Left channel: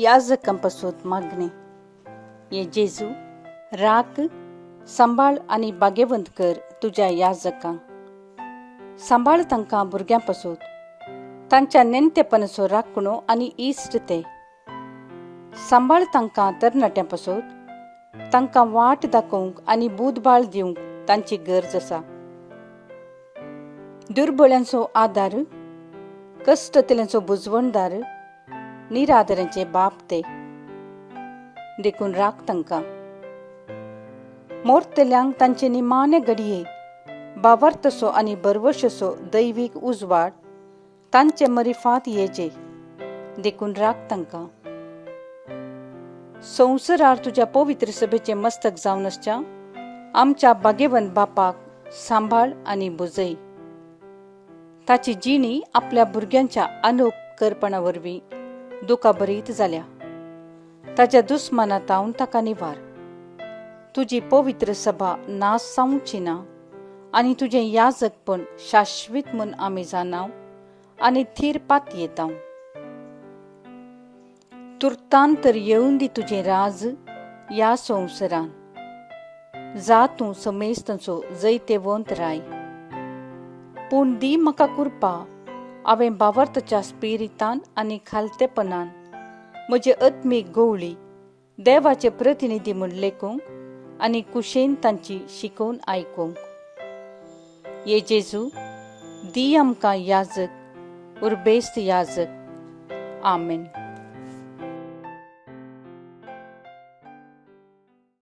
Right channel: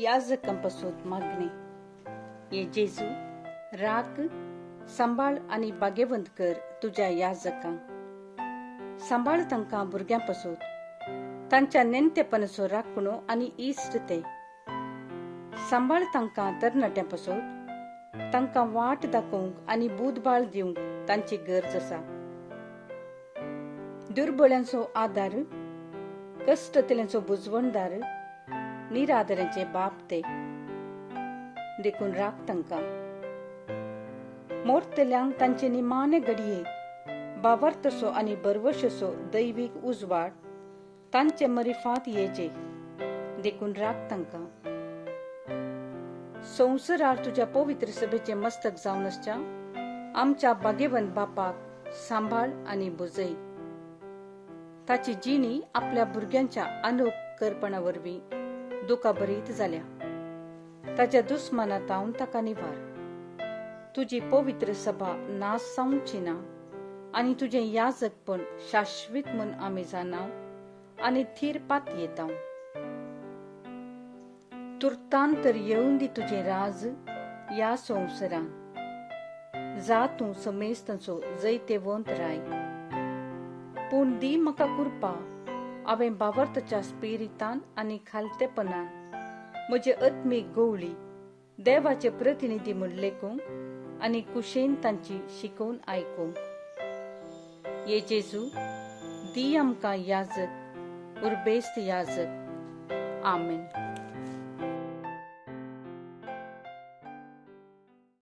याजकांपासून मागणे. ये जेजू राख, सांबाळ आणि बागेवंत कर तुझ्या याजकांक. सांबाळ तांकां भुरग्यांपासून तांच्या नेणटेपणाचो राखणो आनी इश्ट ते. सांबाळ तांकां तरणाट्यांपासून तांकां वाट दाखोवंक आनी बुदबाळ दिवंक तांची गरज आसा. दुर्बळांचो आदार, कश्टतल्यांचो बुजवणदार, निरादरांचे बाप ते. देखून राख तांकां. मोरतल्यांक तांचे निमाणे घडये बावार्थसो आनी बरवशेचो दैवीक उजवाड तांचे मरिफांत येजे. देखून राख तांकां. संवसारार तुज्या पवित्र सभेचे मस्तक जावन आसच्या आमच्या बागेवंत बापाक सांबाळ आनी बुजय. ताची जिणी आपल्या भुरग्यांच्या अनउपकारपणा वरवीं दुखाभरीत जाल्या. ताच्या दुस्मानांतावन ताका निवार. तुजी पवित्र सभा नास जावची ना आनी तुजें याजकपण शाश्वीत म्हूण आमी जाणाव आनी थीर पात येताव. तुर्तान तर येवून दी तुजें राज ह्या संवसारान. जा तूं समेस्तांचो जैतेवंत राय. पूण दी म्हाका कृपा, हांवें बावार्थाच्या स्पिरितान आनी खालतेपणान म्हजी आत्मीक गवळी देवाचे प्रतिनिधी म्हूण लेखूंक आनी कुशेन तांची शिकोवन आयकूंक. ये जेजू दी आमकां याजक उर्बेस्त याजक. आमेन.